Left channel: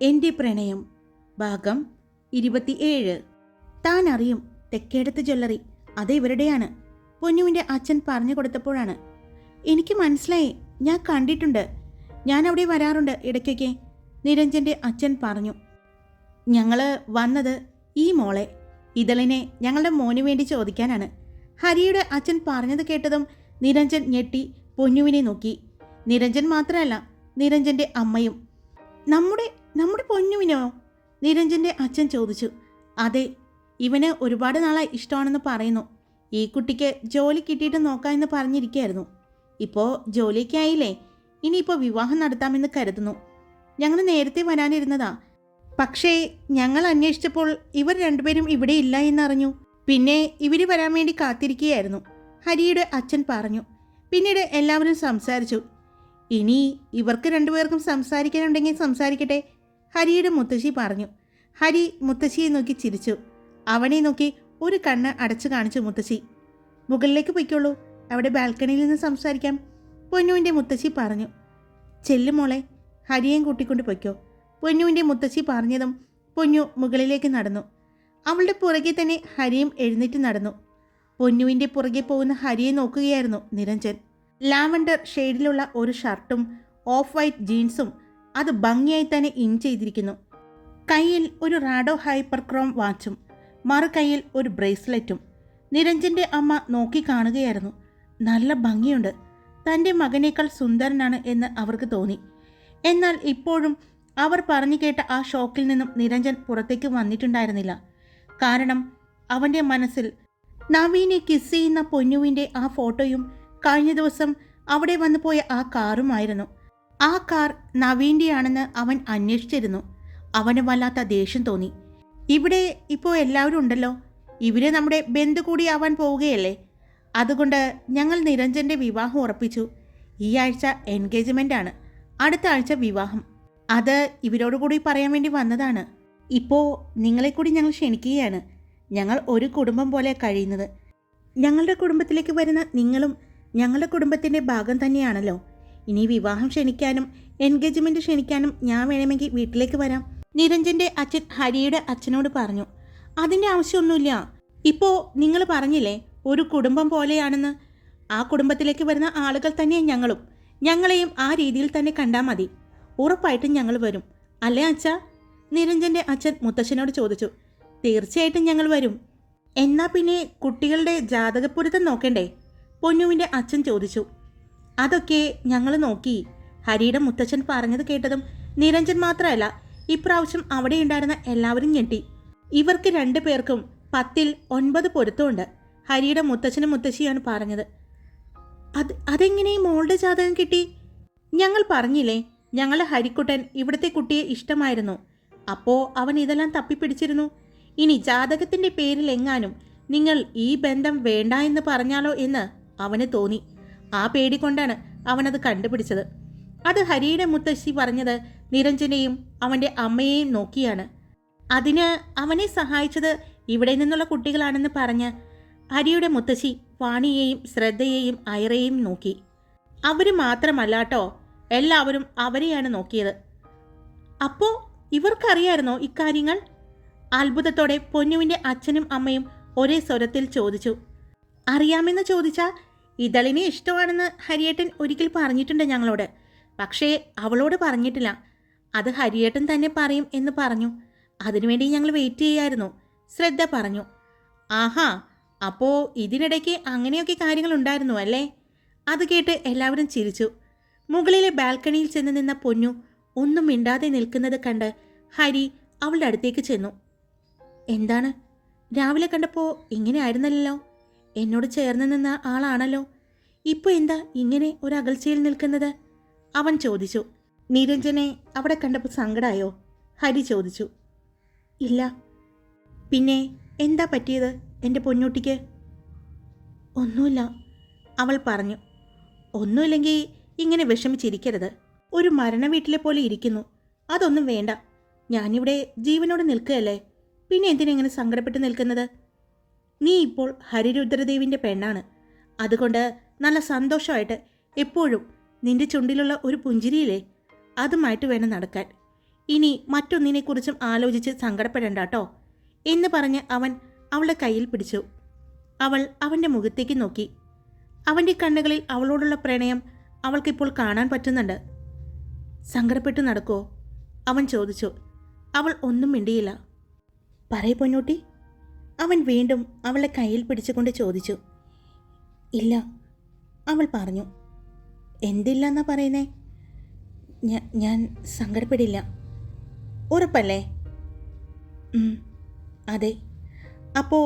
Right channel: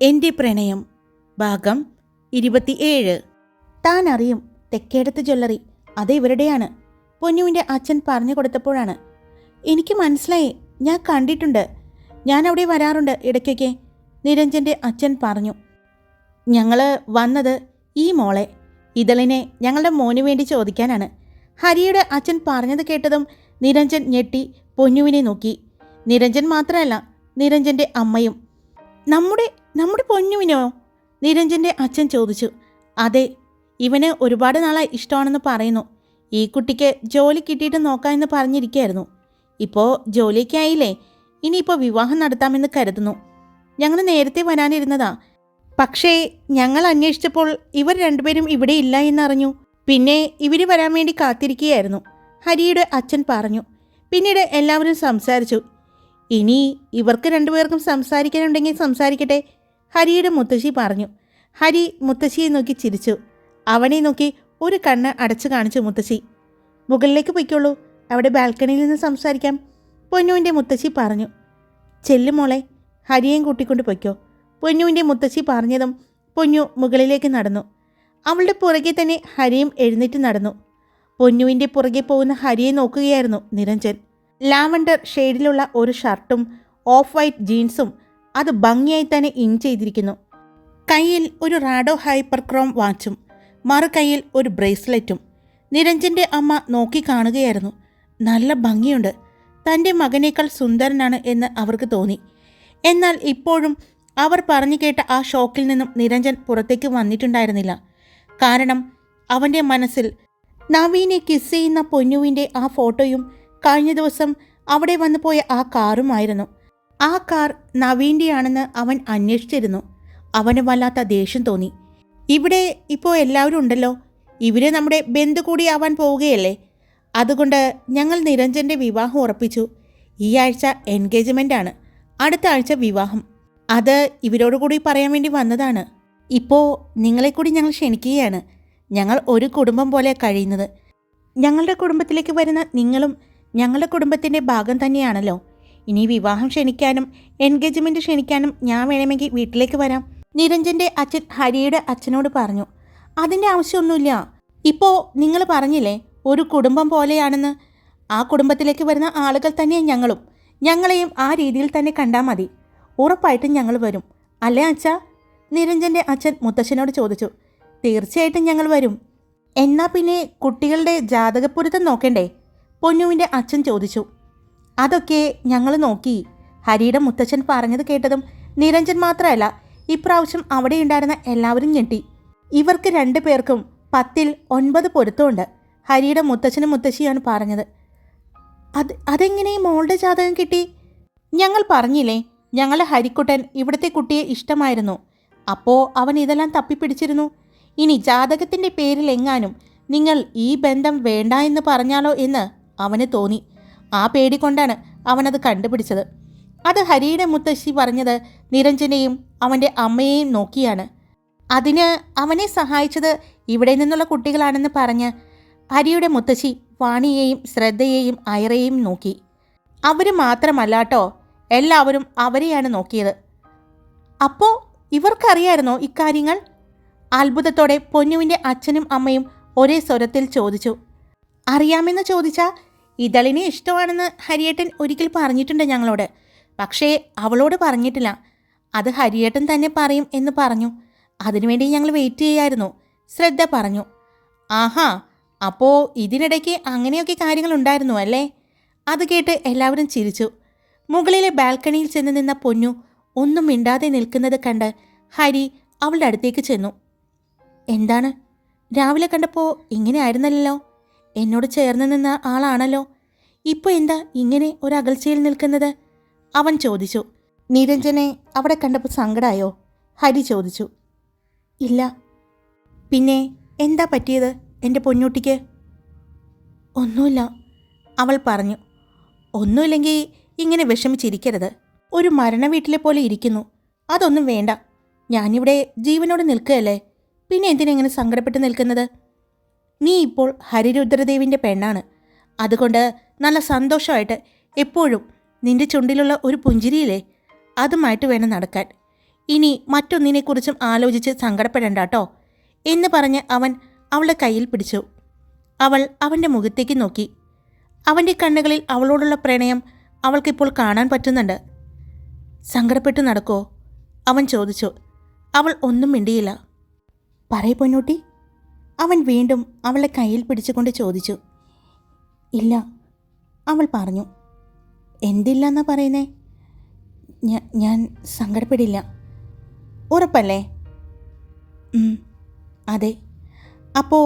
എൻ്റെ പ്രണയം ഭാഗം 27. താൻ അറിയും തെക്കേടത്ത് ജ്വല്ലറി അത് ഇവരുടെയാണ്. പൊന്നുവിൻ്റെ അച്ഛൻ പറഞ്ഞു കൊടുത്തപ്പോഴാണ് എനിക്ക് മനസ്സിലായി. ഞാൻ കണ്ടിട്ടുണ്ട്, ഞാൻ അവിടെ വരാറുണ്ട് ഇടയ്ക്കൊക്കെ. നിരഞ്ജൻ്റെ അച്ഛൻ പറഞ്ഞു. ഞങ്ങൾ വന്നത് ഈ മോളെ ഇതളിനെ ഞങ്ങളുടെ മോന് വേണ്ടി ചോദിക്കാനാണ്. ഹരിയുടെ അച്ഛൻ പറഞ്ഞത് കേട്ടതും നിരഞ്ജൻ ഞെട്ടി പൊന്നുവിനെ നോക്കി. നിരഞ്ജൻ മാത്രമല്ല, നിരഞ്ജൻ്റെ അമ്മയും. നമ്മുടെ നമ്മുടെ പൊന്നുവിനോ? നിരഞ്ജൻ്റെ അച്ഛൻ ചോദിച്ചു. അതെ, ഇവന് ഒരുപാട് നാളായി ഇഷ്ടമാണെന്ന് പറയുന്നു. ഈ കുട്ടിക്ക് ജോലി കിട്ടിയിട്ട് നോക്കാമെന്ന് പറഞ്ഞിരിക്കുകയായിരുന്നു. ഇപ്പോൾ ജോലിയൊക്കെ ആയില്ലേ, ഇനിയിപ്പോൾ വിവാഹം നടത്താമെന്ന് കരുതുന്നു. ഞങ്ങൾ നേരത്തെ വരാനിരുന്നതാ, പക്ഷേ ഞങ്ങൾ അന്വേഷിച്ചപ്പോൾ ഇവർ രണ്ടുപേരും ഇവിടെ ഇല്ല എന്നറിഞ്ഞു. പിന്നെ ഇവർ വരാൻ വേണ്ടി കാത്തിരിക്കുകയായിരുന്നു, ഹരിയുടെ അച്ഛൻ പറഞ്ഞു. പിന്നീട് എല്ലാവരും സംസാരിച്ചു. ഇനി ഇവർക്ക് രണ്ടുപേർക്കും സംസാരിക്കാനുണ്ടെങ്കിൽ സംസാരിക്കട്ടെ, ഹരിയുടെ മുത്തശ്ശി പറഞ്ഞു. ഹരി മുത്തശ്ശിയെ നോക്കി ചിരിച്ചു. അവനെ നോക്കി ഒരു കണ്ണ് അടച്ചു കാണിച്ചു മുത്തശ്ശി. മുകളിലേക്ക് പൊയ്ക്കോളൂ, അവിടെ ബാൽക്കണിയിൽ നിന്ന് സംസാരിക്കാം, പൊന്നുവിൻ്റെ മുത്തശ്ശി പറഞ്ഞു. ചെല്ലുമോളെ, ഹരിയെയും കൂട്ടിക്കൊണ്ട് പൊയ്ക്കോ, പൊന്നുവിൻ്റെ മുത്തശ്ശി പറഞ്ഞതും പൊന്നു മുകളിലേക്ക് നടന്നു. അവളുടെ പുറകെ തന്നെ ഹരിയും എഴുന്നേറ്റ് നടന്നു. പൊന്നുവിൻ്റെ പുറകെ പോകുന്ന ഹരിയെ നോക്കുകയായിരുന്നു നിരഞ്ജൻ. ലാവണ്ടർ ഷെയ്ഡിലുള്ള ഒരു ഷർട്ടും ഓഫ് വൈറ്റ് ജീൻസും, അത് ഭംഗിയായി തന്നെ ഇൻ ചെയ്തിരിക്കുന്നു. കയ്യിൽ ഒരു റാഡോ ഹൈപ്പർ ക്രോം വാച്ചും മറു കയ്യിൽ ഒരു ബ്രേസ്ലെറ്റും. നിരഞ്ജൻ്റെ അമ്മ നോക്കി കാണുകയായിരുന്നു. നല്ല ഭംഗിയുണ്ട്, തൻ്റെ മകനേക്കാൾ സുന്ദരനാണ് എന്ന് അവർക്ക് തോന്നി. എന്നാൽ ഇപ്പോഴും അവർ പറഞ്ഞു കേട്ട ആ ഷോക്കിൽ നിന്നും നിരഞ്ജൻ പുറത്തേക്ക് വന്നിട്ടുണ്ടായിരുന്നില്ല. കാരണം അവൻ്റെ മനസ്സിൽ നവീനെ കിസ് ചെയ്യുന്ന പൊന്നുവിൻ്റെ ആ ഫോട്ടോയും കഴിഞ്ഞ ദിവസം അവിടെ വന്നു പോയ ആ കാറുമായിരുന്നു. ആ കാർ നവീൻ്റെയാണെന്ന് അവൻ അന്വേഷിച്ചിരുന്നു. അവന് വല്ലാത്ത ദേഷ്യം തോന്നി. ഇവിടെ ഇപ്പോൾ എല്ലാവരും ഉണ്ടല്ലോ, ഇവർ നമ്മുടെ ബന്ധു കൂടി ആവാൻ പോവുകയല്ലേ. അതുകൊണ്ട് ഞങ്ങൾ നിരഞ്ജൻ്റെ വിവാഹം ഉറപ്പിച്ചു. ഈ ആഴ്ച എൻഗേജ്മെൻ്റ് ആണ്, അടുത്ത ആഴ്ച വിവാഹം. അത് ഇവരോട് കൂടി പറയാൻ വേണ്ടി വന്നതാണ്. ഇപ്പോൾ നിങ്ങളെ കൂടി ഞങ്ങൾ ക്ഷണിക്കുകയാണ്. ഞങ്ങൾ ഒരു കുടുംബം പോലെ കഴിയുന്നത്. ഞങ്ങളുടെ കുടുംബത്തിലേക്ക് വരുന്ന നിങ്ങളും ഞങ്ങളുടെ കുടുംബത്തിൻ്റെ ഭാഗം തന്നെയാണല്ലോ. ഇനി വിവാഹം ക്ഷണിക്കാനും എൻഗേജ്മെൻറ്റ് ക്ഷണിക്കാനും ഞാൻ വേണമെങ്കിൽ വീട്ടിലേക്ക് വരാം, നിരഞ്ജൻ്റെ അച്ഛൻ ഹരിയുടെ അച്ഛനോട് പറഞ്ഞു. അതിൻ്റെ ആവശ്യമൊന്നുമില്ല, ഇപ്പോൾ നിങ്ങൾ പറഞ്ഞില്ലേ ഒരു കുടുംബം പോലെയാണെന്ന്. ആ കുടുംബത്തിലേക്ക് വരുന്ന ആളുകൾ തന്നെ ഞങ്ങളും. ഞങ്ങളെയും ആ രീതിയിൽ തന്നെ കണ്ടാൽ മതി. ഉറപ്പായിട്ടും ഞങ്ങൾ വരും, അല്ലേ അച്ഛാ? നിരഞ്ജൻ്റെ അച്ഛൻ മുത്തശ്ശനോട് ചോദിച്ചു. തീർച്ചയായിട്ടും ഞങ്ങൾ വരും. എന്നാൽ പിന്നെ കുട്ടികളുടെ ജാതകപ്പൊരുത്തം നോക്കണ്ടേ? പൊന്നുവിൻ്റെ അച്ഛൻ ചോദിച്ചു. അതൊക്കെ ഞങ്ങൾ നോക്കി, ഹരിയുടെ മുത്തച്ഛൻ പറഞ്ഞത് കേട്ടതും നിരഞ്ജൻ മാത്രമല്ല, ഇപ്രാവശ്യം അവിടെ ഉണ്ടായിരുന്ന എല്ലാവരും ഞെട്ടി. ഇവർക്ക് 2 പേർക്കും 10ൽ 9 പൊരുത്തമുണ്ട്, ഹരിയുടെ മുത്തച്ഛനും മുത്തശ്ശിയാണ് പറഞ്ഞത്. അതെങ്ങനെ മോളുടെ ജാതകം കിട്ടി? ഞങ്ങൾ പറഞ്ഞില്ലേ, ഞങ്ങളെ ഹരിക്കുട്ടൻ ഇവിടുത്തെ കുട്ടിയെ ഇഷ്ടമായിരുന്നു. അപ്പോൾ അവൻ ഇതെല്ലാം തപ്പിപ്പിടിച്ചിരുന്നു. ഇനി ജാതകത്തിൻ്റെ പേരിൽ എങ്ങാനും നിങ്ങൾ ഈ ബന്ധം വേണ്ട എന്ന് പറഞ്ഞാലോ എന്ന് അവന് തോന്നി. ആ പേടി കൊണ്ടാണ് അവനത് കണ്ടുപിടിച്ചത്. അത് ഹരിയുടെ മുത്തശ്ശി പറഞ്ഞത് നിരഞ്ജനെയും അവൻ്റെ അമ്മയെയും നോക്കിയാണ്. അതിന് അവനെ സഹായിച്ചത് ഇവിടെ നിന്നുള്ള കുട്ടികളാണെന്ന് പറഞ്ഞ് ഹരിയുടെ മുത്തശ്ശി വാണിയെയും ശ്രദ്ധയെയും ഐറയെയും നോക്കി. അവർ മാത്രമല്ലാട്ടോ, എല്ലാവരും അവരെയാണ് നോക്കിയത്. അപ്പോൾ ഇവർക്കറിയായിരുന്നോ ഇക്കാര്യങ്ങൾ? അത്ഭുതത്തോടെ പൊന്നുവിൻ്റെ അച്ഛനും അമ്മയും ഒരേ സ്വരത്തിൽ ചോദിച്ചു. അറിയാമെന്ന് ചോദിച്ചാൽ ഇതളിനെ ഇഷ്ടമാണെന്ന് ഹരിയേട്ടൻ ഒരിക്കൽ പറഞ്ഞിട്ടുണ്ട് ഞങ്ങളോട്, പക്ഷേ അവളോട് പറഞ്ഞിട്ടില്ല. അത് ഹരിയേട്ടൻ തന്നെ പറയും എന്ന് പറഞ്ഞു. അതിനുവേണ്ടി ഞങ്ങൾ വെയിറ്റ് ചെയ്യായിരുന്നു, ശ്രദ്ധ പറഞ്ഞു. ആഹാ, അപ്പോൾ ഇതിനിടയ്ക്ക് അങ്ങനെയൊക്കെ കാര്യങ്ങളുണ്ടായിരുന്നു അല്ലേ? അത് കേട്ട് എല്ലാവരും ചിരിച്ചു. മുകളിലെ ബാൽക്കണിയിൽ ചെന്ന് നിന്ന പൊന്നു ഒന്നും മിണ്ടാതെ നിൽക്കുന്നത് കണ്ട് ഹരി അവളുടെ അടുത്തേക്ക് ചെന്നു. എന്താണ്, രാവിലെ കണ്ടപ്പോൾ ഇങ്ങനെ ആയിരുന്നല്ലോ, എന്നോട് ചേർന്ന് നിന്ന ആളാണല്ലോ, ഇപ്പോൾ എന്താ ഇങ്ങനെ ഒരു അകൽച്ചയിൽ നിൽക്കുന്നത്? അവൻ ചോദിച്ചു. നിരഞ്ജനെ അവിടെ കണ്ടപ്പോൾ സങ്കടമായോ? ഹരി ചോദിച്ചു. ഇല്ല. പിന്നെ എന്താ പറ്റിയത് എൻ്റെ പൊന്നൂട്ടിക്ക്? ഒന്നുമില്ല, അവൾ പറഞ്ഞു. ഒന്നുമില്ലെങ്കിൽ ഇങ്ങനെ വിഷമിച്ചിരിക്കരുത്. ഒരു മരണ വീട്ടിലെ പോലെ ഇരിക്കുന്നു. അതൊന്നും വേണ്ട. ഞാനിവിടെ ജീവനോട് നിൽക്കുകയല്ലേ, പിന്നെ എന്തിനെങ്ങനെ സങ്കടപ്പെട്ട് നിൽക്കുന്നത്? നീ ഇപ്പോൾ ഹരിരുദ്രദേവിൻ്റെ പെണ്ണാണ്. അതുകൊണ്ട് നല്ല സന്തോഷമായിട്ട് എപ്പോഴും നിന്റെ ചുണ്ടിലുള്ള ഒരു പുഞ്ചിരിയില്ലേ, അതുമായിട്ട് വേണം നടക്കാൻ. ഇനി മറ്റൊന്നിനെക്കുറിച്ചും ആലോചിച്ച് സങ്കടപ്പെടണ്ട കേട്ടോ എന്ന് പറഞ്ഞ് അവൻ അവളുടെ കയ്യിൽ പിടിച്ചു. അവൾ അവൻ്റെ മുഖത്തേക്ക് നോക്കി. അവൻ്റെ കണ്ണുകളിൽ അവളോടുള്ള പ്രണയം അവൾക്കിപ്പോൾ കാണാൻ പറ്റുന്നുണ്ട്. സങ്കടപ്പെട്ടു നടക്കോ? അവൻ ചോദിച്ചു. അവൾ ഒന്നും മിണ്ടിയില്ല. പറയ് പൊന്നൂട്ടി, അവൻ വീണ്ടും അവളെ കയ്യിൽ പിടിച്ചുകൊണ്ട് ചോദിച്ചു. ഇല്ല, അവൾ പറഞ്ഞു. എന്തില്ല എന്നാ പറയുന്നേ? ഞാൻ സങ്കടപ്പെടില്ല. ഉറപ്പല്ലേ? അതെ. അപ്പോൾ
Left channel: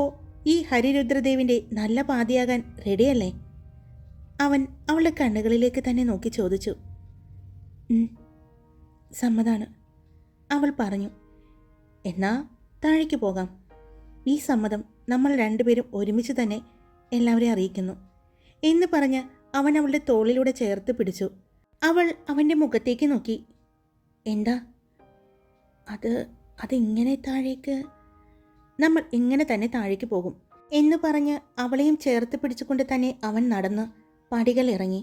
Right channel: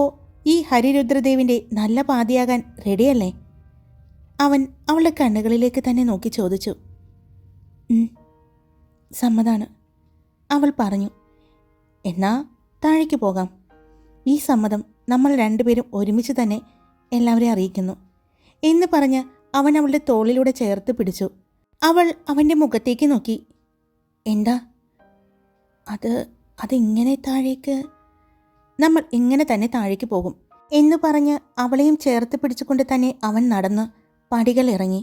ഈ ഹരിരുദ്രദേവിൻ്റെ നല്ല പാതിയാകാൻ റെഡിയല്ലേ? അവൻ അവളുടെ കണ്ണുകളിലേക്ക് തന്നെ നോക്കി ചോദിച്ചു. സമ്മതാണ്, അവൾ പറഞ്ഞു. എന്നാ താഴേക്ക് പോകാം. ഈ സമ്മതം നമ്മൾ രണ്ടുപേരും ഒരുമിച്ച് തന്നെ എല്ലാവരെയും അറിയിക്കുന്നു എന്ന് പറഞ്ഞ് അവൻ അവളുടെ തോളിലൂടെ ചേർത്ത് പിടിച്ചു. അവൾ അവൻ്റെ മുഖത്തേക്ക് നോക്കി. എന്താ അതിങ്ങനെ താഴേക്ക്? നമ്മൾ ഇങ്ങനെ തന്നെ താഴേക്ക് പോകും എന്ന് പറഞ്ഞ് അവളെയും ചേർത്ത് പിടിച്ചുകൊണ്ട് തന്നെ അവൻ നടന്ന് പടികൾ ഇറങ്ങി.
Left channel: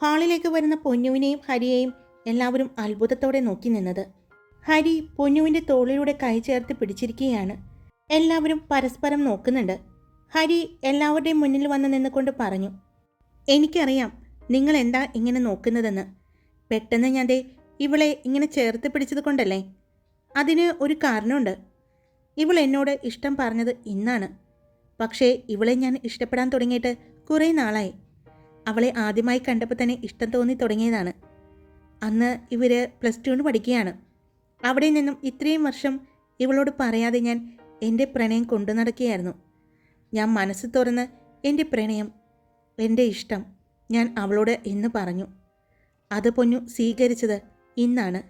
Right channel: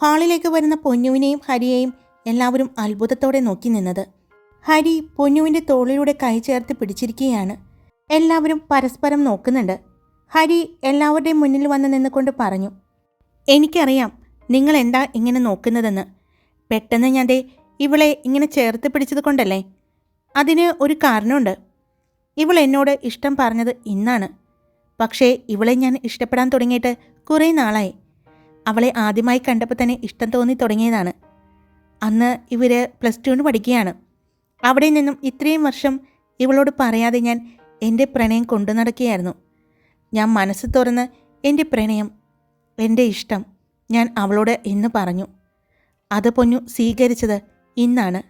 ഹാളിലേക്ക് വരുന്ന പൊന്നുവിനെയും ഹരിയെയും എല്ലാവരും അത്ഭുതത്തോടെ നോക്കി നിന്നത്. ഹരി പൊന്നുവിൻ്റെ തോളിലൂടെ കൈ ചേർത്ത് പിടിച്ചിരിക്കുകയാണ്. എല്ലാവരും പരസ്പരം നോക്കുന്നുണ്ട്. ഹരി എല്ലാവരുടെയും മുന്നിൽ വന്ന് നിന്നുകൊണ്ട് പറഞ്ഞു. എനിക്കറിയാം നിങ്ങൾ എന്താ ഇങ്ങനെ നോക്കുന്നതെന്ന്. പെട്ടെന്ന് ഞാൻ ഇവളെ ഇങ്ങനെ ചേർത്ത് പിടിച്ചത് കൊണ്ടല്ലേ? അതിന് ഒരു കാരണമുണ്ട്. ഇവൾ എന്നോട് ഇഷ്ടം പറഞ്ഞത് ഇന്നാണ്. പക്ഷേ ഇവളെ ഞാൻ ഇഷ്ടപ്പെടാൻ തുടങ്ങിയിട്ട് കുറേ നാളായി. അവളെ ആദ്യമായി കണ്ടപ്പോൾ തന്നെ ഇഷ്ടം തോന്നി തുടങ്ങിയതാണ്. അന്ന് ഇവർ +2 പഠിക്കുകയാണ്. അവിടെ നിന്നും ഇത്രയും വർഷം ഇവളോട് പറയാതെ ഞാൻ എൻ്റെ പ്രണയം കൊണ്ടു നടക്കുകയായിരുന്നു. ഞാൻ മനസ്സ് തുറന്ന് എൻ്റെ പ്രണയം, എൻ്റെ ഇഷ്ടം ഞാൻ അവളോട് ഇന്ന് പറഞ്ഞു. അത് പൊന്നു സ്വീകരിച്ചത് ഇന്നാണ്.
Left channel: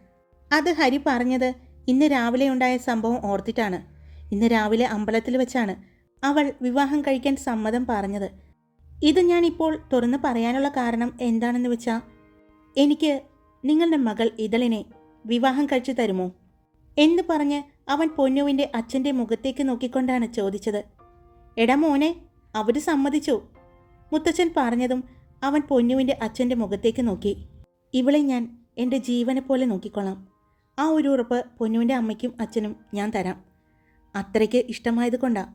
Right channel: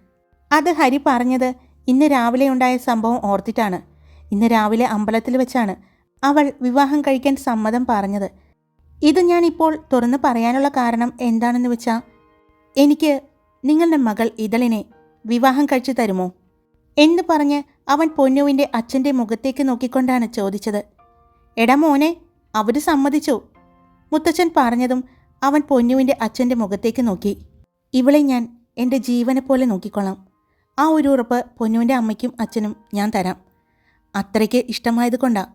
അത് ഹരി പറഞ്ഞത് ഇന്ന് രാവിലെ ഉണ്ടായ സംഭവം ഓർത്തിട്ടാണ്. ഇന്ന് രാവിലെ അമ്പലത്തിൽ വെച്ചാണ് അവൾ വിവാഹം കഴിക്കാൻ സമ്മതം പറഞ്ഞത്. ഇത് ഞാനിപ്പോൾ തുറന്ന് പറയാനുള്ള കാരണം എന്താണെന്ന് വെച്ചാൽ, എനിക്ക് നിങ്ങളുടെ മകൾ ഇതളിനെ വിവാഹം കഴിച്ചു തരുമോ എന്ന് പറഞ്ഞ് അവൻ പൊന്നുവിൻ്റെ അച്ഛൻ്റെ മുഖത്തേക്ക് നോക്കിക്കൊണ്ടാണ് ചോദിച്ചത്. എടാ മോനെ, അവർ സമ്മതിച്ചു. മുത്തച്ഛൻ പറഞ്ഞതും അവൻ പൊന്നുവിൻ്റെ അച്ഛൻ്റെ മുഖത്തേക്ക് നോക്കി. ഇവളെ ഞാൻ എൻ്റെ ജീവനെ പോലെ നോക്കിക്കൊള്ളാം. ആ ഒരു ഉറപ്പ് പൊന്നുവിൻ്റെ അമ്മയ്ക്കും അച്ഛനും ഞാൻ തരാം. അത്രയ്ക്ക് ഇഷ്ടമായത് കൊണ്ടാണ്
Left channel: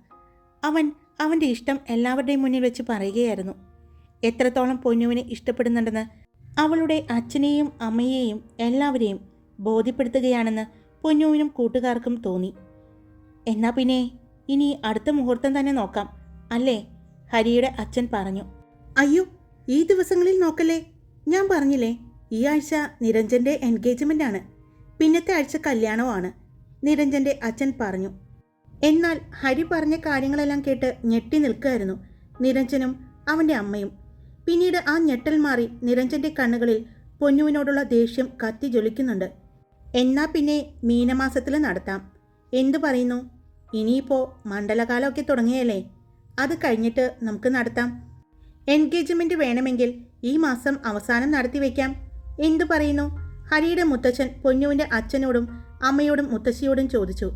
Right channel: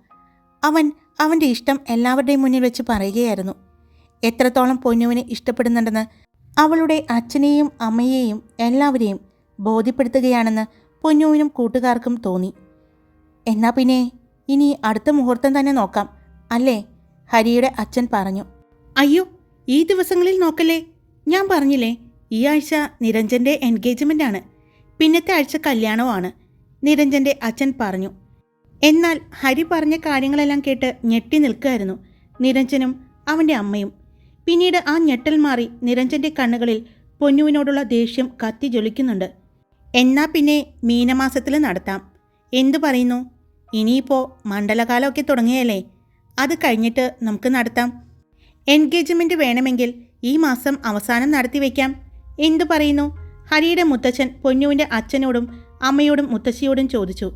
അവൻ അവൻ്റെ ഇഷ്ടം എല്ലാവരുടെയും മുന്നിൽ വെച്ച് പറയുകയായിരുന്നു. എത്രത്തോളം പൊന്നുവിനെ ഇഷ്ടപ്പെടുന്നുണ്ടെന്ന് അവളുടെ അച്ഛനെയും അമ്മയെയും എല്ലാവരെയും ബോധ്യപ്പെടുത്തുകയാണെന്ന് പൊന്നുവിനും കൂട്ടുകാർക്കും തോന്നി. എന്നാ പിന്നെ ഇനി അടുത്ത മുഹൂർത്തം തന്നെ നോക്കാം അല്ലേ? ഹരിയുടെ അച്ഛൻ പറഞ്ഞു. അയ്യോ, ഈ ദിവസങ്ങളിൽ നോക്കല്ലേ. ഞാൻ പറഞ്ഞില്ലേ, ഈ ആഴ്ച നിരഞ്ജൻ്റെ എൻഗേജ്മെൻ്റ് ആണ്. പിന്നത്തെ ആഴ്ച കല്യാണവുമാണ്, നിരഞ്ജൻ്റെ അച്ഛൻ പറഞ്ഞു. എന്നാൽ ഹരി പറഞ്ഞ കാര്യങ്ങളെല്ലാം കേട്ട് ഞെട്ടി നിൽക്കുകയായിരുന്നു നിരഞ്ജനും അവൻ്റെ അമ്മയും. പിന്നീട് ആ ഞെട്ടൽ മാറി നിരഞ്ജൻ്റെ കണ്ണുകളിൽ പൊന്നുവിനോടുള്ള ദേഷ്യം കത്തി ജ്വലിക്കുന്നുണ്ട്. എന്നാ പിന്നെ മീനമാസത്തിൽ നടത്താം. എന്തു പറയുന്നു? ഇനിയിപ്പോൾ മണ്ഡലകാലമൊക്കെ തുടങ്ങിയല്ലേ, അത് കഴിഞ്ഞിട്ട് നമുക്ക് നടത്താം. എൻഗേജ്മെൻറ്റ് വേണമെങ്കിൽ ഈ മാസം അവസാനം നടത്തി വയ്ക്കാം. എന്തു പറയുന്നു? ഹരിയുടെ മുത്തച്ഛൻ പൊന്നുവിൻ്റെ അച്ഛനോടും അമ്മയോടും മുത്തശ്ശിയോടും ചോദിച്ചു.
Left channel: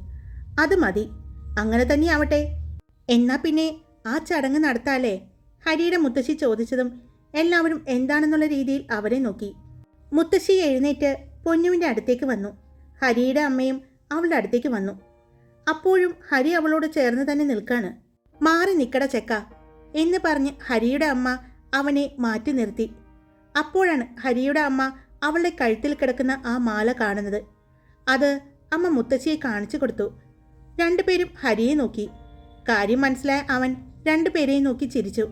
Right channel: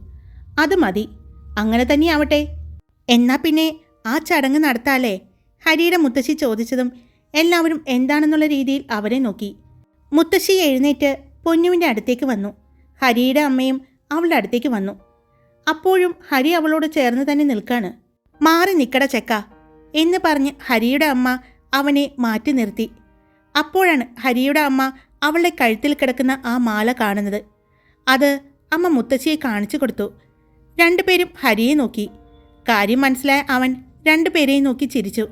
അത് മതി, അങ്ങനെ തന്നെ ആവട്ടെ. എന്നാ പിന്നെ ആ ചടങ്ങ് നടത്താല്ലേ? ഹരിയുടെ മുത്തശ്ശി ചോദിച്ചതും എല്ലാവരും എന്താണെന്നുള്ള രീതിയിൽ അവരെ നോക്കി. മുത്തശ്ശി എഴുന്നേറ്റ് പൊന്നുവിൻ്റെ അടുത്തേക്ക് വന്നു. ഹരിയുടെ അമ്മയും അവളുടെ അടുത്തേക്ക് വന്നു. അപ്പോഴും ഹരി അവളോട് ചേർന്ന് തന്നെ നിൽക്കാണ്. മാറി നിക്കട ചെക്ക എന്ന് പറഞ്ഞ് ഹരിയുടെ അമ്മ അവനെ മാറ്റി നിർത്തി. അപ്പോഴാണ് ഹരിയുടെ അമ്മ അവളുടെ കഴുത്തിൽ കിടക്കുന്ന ആ മാല കാണുന്നത്. അത് അമ്മ മുത്തശ്ശിയെ കാണിച്ചു കൊടുത്തു. രണ്ടുപേരും ഹരിയെ നോക്കി. കാര്യം മനസ്സിലായ അവൻ രണ്ടുപേരെയും നോക്കി ചിരിച്ചു.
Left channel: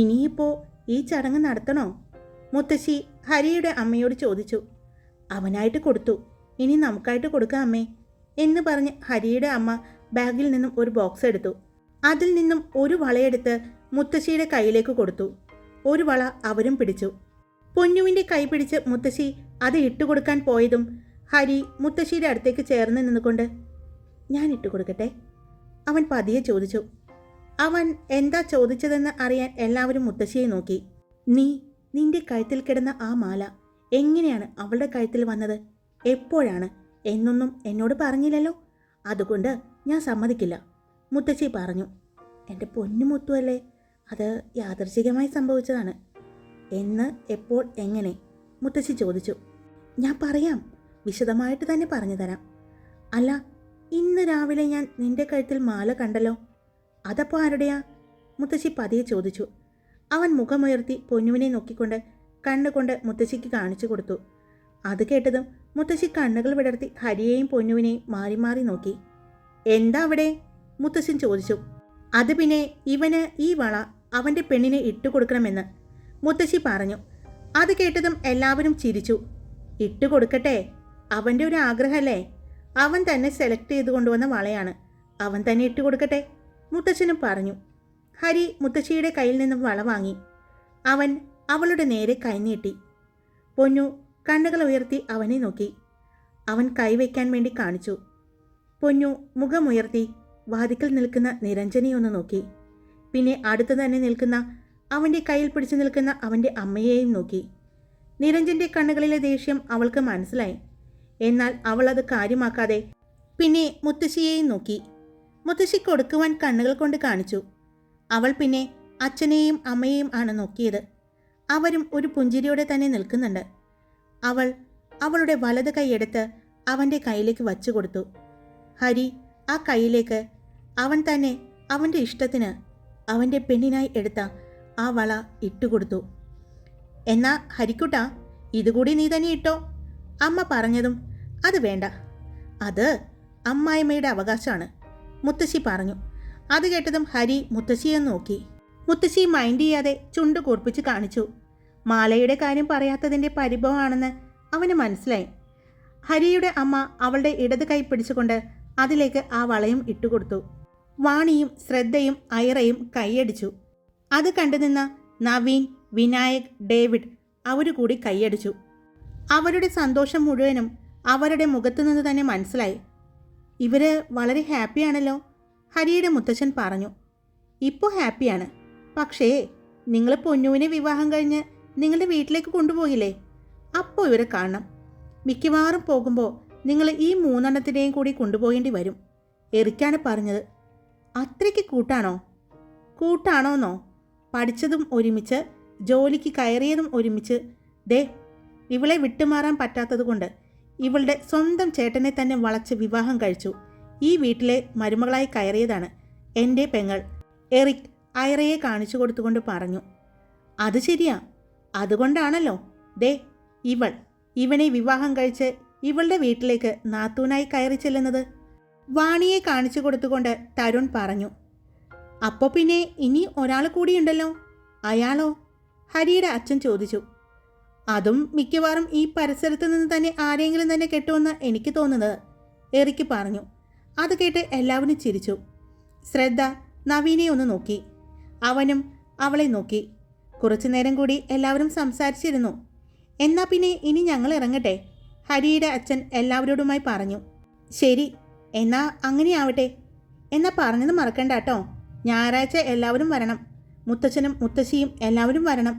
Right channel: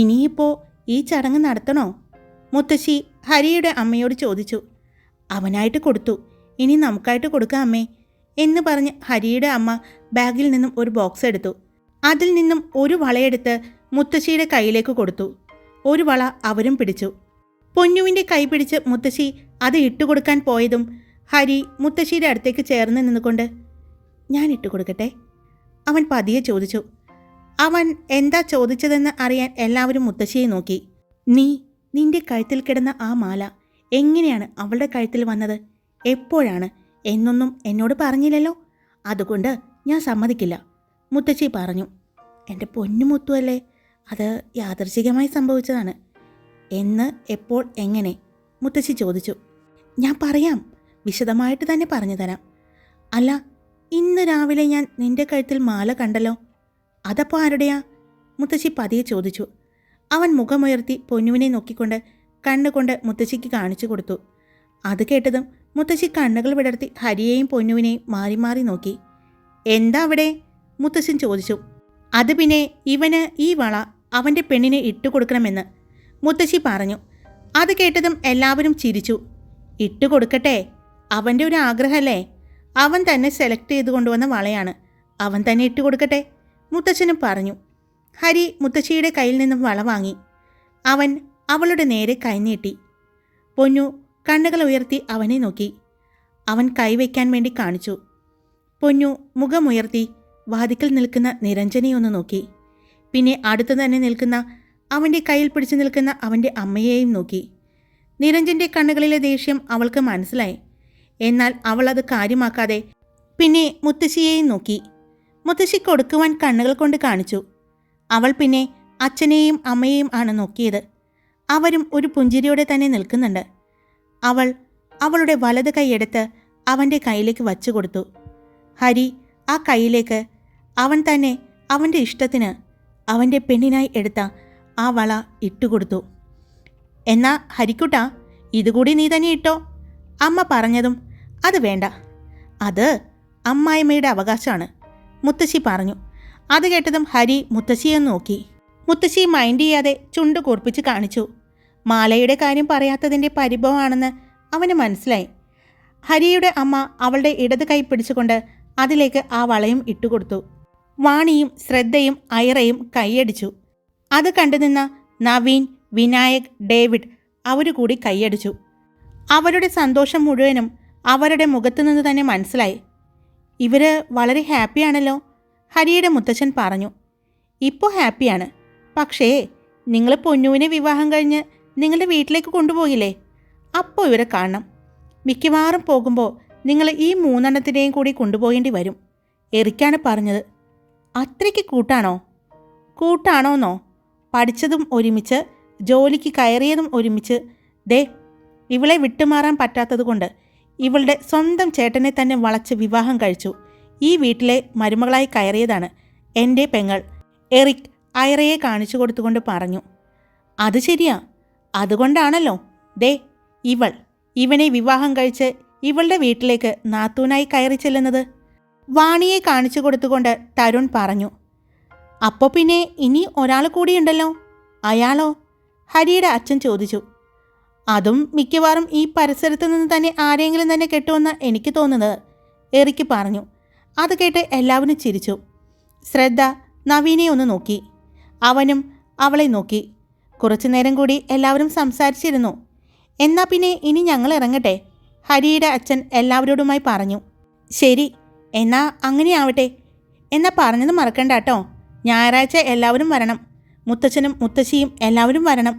ഇനിയിപ്പോൾ ഈ ചടങ്ങ് നടത്തണോ? മുത്തശ്ശി ഹരിയുടെ അമ്മയോട് ചോദിച്ചു. അവനായിട്ട് കൊടുത്തു, ഇനി നമുക്കായിട്ട് കൊടുക്കാം അമ്മേ എന്ന് പറഞ്ഞ് ഹരിയുടെ അമ്മ ബാഗിൽ നിന്നും ഒരു ബോക്സ് എടുത്തു. അതിൽ നിന്നും ഒരു വളയെടുത്ത് മുത്തശ്ശിയുടെ കയ്യിലേക്ക് കൊടുത്തു. ഒരു വള അവരും പിടിച്ചു. പൊന്നുവിൻ്റെ കൈ പിടിച്ച് മുത്തശ്ശി അത് ഇട്ടുകൊടുക്കാൻ പോയതും ഹരി മുത്തശ്ശിയുടെ അടുത്തേക്ക് ചേർന്ന് നിന്നുകൊണ്ട്, ഞാൻ ഇട്ടുകൊടുക്കട്ടെ? അവൻ പതിയെ ചോദിച്ചു. അവൻ എന്താ ചോദിച്ചതെന്ന് അറിയാൻ എല്ലാവരും മുത്തശ്ശിയെ നോക്കി. നിന്റെ കഴുത്തിൽ കിടന്ന ആ മാല എങ്ങനെയാണ് അവളുടെ കഴുത്തിൽ വന്നത്? എപ്പോഴാണ് എന്നൊന്നും എന്നോട് പറഞ്ഞില്ലല്ലോ. അതുകൊണ്ട് ഞാൻ സമ്മതിക്കില്ല, മുത്തശ്ശി പറഞ്ഞു. എൻ്റെ പൊന്നുമുത്തുവല്ലേ, അത് യാദൃച്ഛികമായി സംഭവിച്ചതാണ്. എന്ന്, എപ്പോൾ, എങ്ങനെ? മുത്തശ്ശി ചോദിച്ചു. ഞാൻ പറയാം, വിശദമായിട്ട് തന്നെ പറഞ്ഞു തരാം. അല്ല, ഇന്ന് രാവിലെ ഞാൻ നിന്റെ കഴുത്തിൽ മാല കണ്ടല്ലോ, അതപ്പോൾ ആരുടെയാ? മുത്തശ്ശി പതിയെ ചോദിച്ചു. അവൻ മുഖമുയർത്തി പൊന്നുവിനെ നോക്കിക്കൊണ്ട് കണ്ണുകൊണ്ട് മുത്തശ്ശിക്ക് കാണിച്ചു കൊടുത്തു. അത് കേട്ടതും മുത്തശ്ശി കണ്ണുകൾ വിടർത്തി ഹരിയെയും പൊന്നുവിനെയും മാറി മാറി നോക്കി. എന്താ അവിടെ? മുത്തശ്ശൻ ചോദിച്ചു. അത് പിന്നെ ഇവന് ഈ വള അവൻ്റെ പെണ്ണിനെ ഇട്ടുകൊടുക്കണമെന്ന് മുത്തശ്ശി പറഞ്ഞു. അത് കേട്ടതും എല്ലാവരും ചിരിച്ചു. ഇട്ടുകൊടുക്കട്ടെ, അവൻ്റെ ഒരു ആഗ്രഹമല്ലേ. അവൻ തന്നെ സെലക്ട് ചെയ്ത് കൊണ്ടുവന്ന വളയാണ്, അവൻ തന്നെ ഇട്ടുകൊടുക്കട്ടെ, മുത്തശ്ശനും പറഞ്ഞു. ഹരി മുത്തശ്ശിയുടെ കയ്യിൽ നിന്നും വള വാങ്ങി. അവൻ അവളുടെ നേരെ കൈനീട്ടി. പൊന്നു കണ്ണുകൾ ഉയർത്തി അവനെ നോക്കി. അവൻ കൈവയ്ക്കാൻ വേണ്ടി കാണിച്ചു. പൊന്നു മുഖമുയർത്തി വാതിക്കൽ നിൽക്കുന്ന നിരഞ്ജനെയൊന്ന് നോക്കി. പിന്നെ അടുത്തു തന്നെ നിൽക്കുന്ന അവൻ്റെ കയ്യിൽ പിടിച്ചു നിൽക്കുന്ന അവൻ്റെ അമ്മയെയും നോക്കി. നിരഞ്ജൻ്റെ കണ്ണുകളിലെ ദേഷ്യം അവൾക്ക് മനസ്സിലായി. എന്നാൽ അവൾ അത് കാര്യമാക്കാതെ പിന്നെ മുത്തശ്ശിയെയും നോക്കി. മുത്തശ്ശി കൊടുക്കുവാൻ കണ്ണുകൾ കൊണ്ട് കാണിച്ചു. അവൾ പിന്നെ അച്ഛനെയും അമ്മയെയും ആണ് നോക്കിയത്. അവരും ഒരു പുഞ്ചിരിയോടെ തന്നെ നിൽക്കുന്നുണ്ട്. അവൾ അവളുടെ വലത് കൈയെടുത്ത് അവൻ്റെ കയ്യിലേക്ക് വച്ചു കൊടുത്തു. ഹരി ആ കൈയിലേക്ക് അവൻ തന്നെ അവൻ്റെ ഇഷ്ടത്തിന് അവൻ്റെ പെണ്ണിനായി എടുത്ത ആ വള ഇട്ടുകൊടുത്തു. എന്നാ ഹരിക്കുട്ടാ, ഇതുകൂടി നീ തന്നെ ഇട്ടോ, അമ്മ പറഞ്ഞതും. അത് വേണ്ട, അത് അമ്മായിമ്മയുടെ അവകാശമാണ്, മുത്തശ്ശി പറഞ്ഞു. അത് കേട്ടതും ഹരി മുത്തശ്ശിയെ നോക്കി. മുത്തശ്ശി മൈൻഡ് ചെയ്യാതെ ചുണ്ട് കൂർപ്പിച്ച് കാണിച്ചു. മാലയുടെ കാര്യം പറയാത്തതിൻ്റെ പരിഭവമാണെന്ന് അവന് മനസ്സിലായി. ഹരിയുടെ അമ്മ അവളുടെ ഇടത് കൈ പിടിച്ചുകൊണ്ട് അതിലേക്ക് ആ വളയും ഇട്ടുകൊടുത്തു. വാണിയും ശ്രദ്ധയും ഐറയും കൈയടിച്ചു. അത് കണ്ടുനിന്ന നവീൻ, വിനായക്, ഡേവിഡ് അവരുകൂടി കൈയടിച്ചു. അവരുടെ സന്തോഷം മുഴുവനും അവരുടെ മുഖത്തു നിന്ന് തന്നെ മനസ്സിലായി. ഇവര് വളരെ ഹാപ്പിയാണല്ലോ, ഹരിയുടെ മുത്തച്ഛൻ പറഞ്ഞു. ഇപ്പോൾ ഹാപ്പിയാണ്, പക്ഷേ നിങ്ങൾ പൊന്നുവിനെ വിവാഹം കഴിഞ്ഞ് നിങ്ങളുടെ വീട്ടിലേക്ക് കൊണ്ടുപോകില്ലേ, അപ്പോൾ ഇവരെ കാണണം. മിക്കവാറും പോകുമ്പോൾ നിങ്ങൾ ഈ മൂന്നെണ്ണത്തിനെയും കൂടി കൊണ്ടുപോകേണ്ടി വരും, എറിക്കാണ് പറഞ്ഞത്. അത്രയ്ക്ക് കൂട്ടാണോന്നോ? പഠിച്ചതും ഒരുമിച്ച്, ജോലിക്ക് കയറിയതും ഒരുമിച്ച്. ദേ, ഇവളെ വിട്ടുമാറാൻ പറ്റാത്തതുകൊണ്ട് ഇവളുടെ സ്വന്തം ചേട്ടനെ തന്നെ വളച്ച് വിവാഹം കഴിച്ചു ഈ വീട്ടിലെ മരുമകളായി കയറിയതാണ് എൻ്റെ പെങ്ങൾ, എറിക് ഐറയെ കാണിച്ചു കൊടുത്തുകൊണ്ട് പറഞ്ഞു. അത് ശരിയാ, അതുകൊണ്ടാണല്ലോ ദേ ഇവനെ വിവാഹം കഴിച്ച് ഇവളുടെ വീട്ടിലേക്ക് നാത്തൂനായി കയറി ചെല്ലുന്നത്, വാണിയെ കാണിച്ചു കൊടുത്തുകൊണ്ട് തരുൺ പറഞ്ഞു. അപ്പോൾ പിന്നെ ഇനി ഒരാൾ കൂടിയുണ്ടല്ലോ, അയാളോ? ഹരിയുടെ അച്ഛൻ ചോദിച്ചു. അതും മിക്കവാറും ഈ പരിസരത്ത് നിന്ന് തന്നെ ആരെങ്കിലും തന്നെ കെട്ടുമെന്ന് എനിക്ക് തോന്നുന്നത്, എറിക്ക് പറഞ്ഞു. അത് കേട്ട് എല്ലാവരും ചിരിച്ചു. ശ്രദ്ധ നവീനെ ഒന്ന് നോക്കി. അവനും അവളെ നോക്കി. കുറച്ചു നേരം കൂടി എല്ലാവരും സംസാരിച്ചിരുന്നു. എന്നാ പിന്നെ ഇനി ഞങ്ങൾ ഇറങ്ങട്ടെ, ഹരിയുടെ അച്ഛൻ എല്ലാവരോടുമായി പറഞ്ഞു. ശരി, എന്നാ അങ്ങനെയാവട്ടെ. എന്നാ പറഞ്ഞത് മറക്കണ്ട കേട്ടോ, ഞായറാഴ്ച എല്ലാവരും വരണം, മുത്തച്ഛനും മുത്തശ്ശിയും എല്ലാവരും വരണം.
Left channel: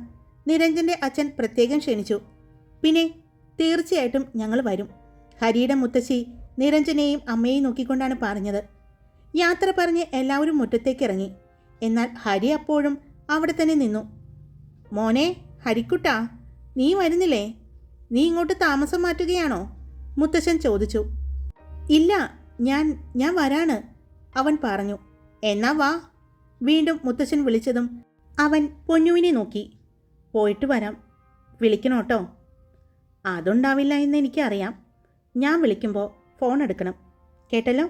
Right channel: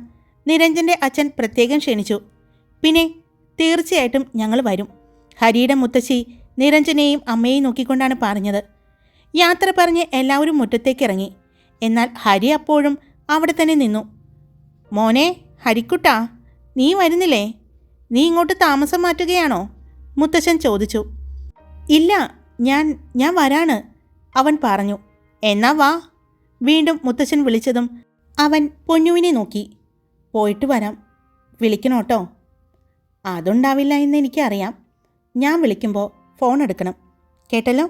നിരഞ്ജൻ്റെ അച്ഛൻ പ്രത്യേകം ക്ഷണിച്ചു. പിന്നെ തീർച്ചയായിട്ടും ഞങ്ങൾ വരും, ഹരിയുടെ മുത്തശ്ശി നിരഞ്ജനെയും അമ്മയെയും നോക്കിക്കൊണ്ടാണ് പറഞ്ഞത്. യാത്ര പറഞ്ഞ് എല്ലാവരും മുറ്റത്തേക്ക് ഇറങ്ങി. എന്നാൽ ഹരി അപ്പോഴും അവിടെ തന്നെ നിന്നു. മോനെ ഹരിക്കുട്ടാ, നീ വരുന്നില്ലേ? നീ ഇങ്ങോട്ട് താമസം മാറ്റുകയാണോ? മുത്തശ്ശൻ ചോദിച്ചു. ഇല്ല, ഞാൻ വരാണ്, അവൻ പറഞ്ഞു. എന്നാ വാ. വീണ്ടും മുത്തശ്ശൻ വിളിച്ചതും അവൻ പൊന്നുവിനെ നോക്കി. പോയിട്ട് വരാം, വിളിക്കണോട്ടോ. അതുണ്ടാവില്ല എന്ന് എനിക്കറിയാം, ഞാൻ വിളിക്കുമ്പോൾ ഫോൺ എടുക്കണം, കേട്ടല്ലോ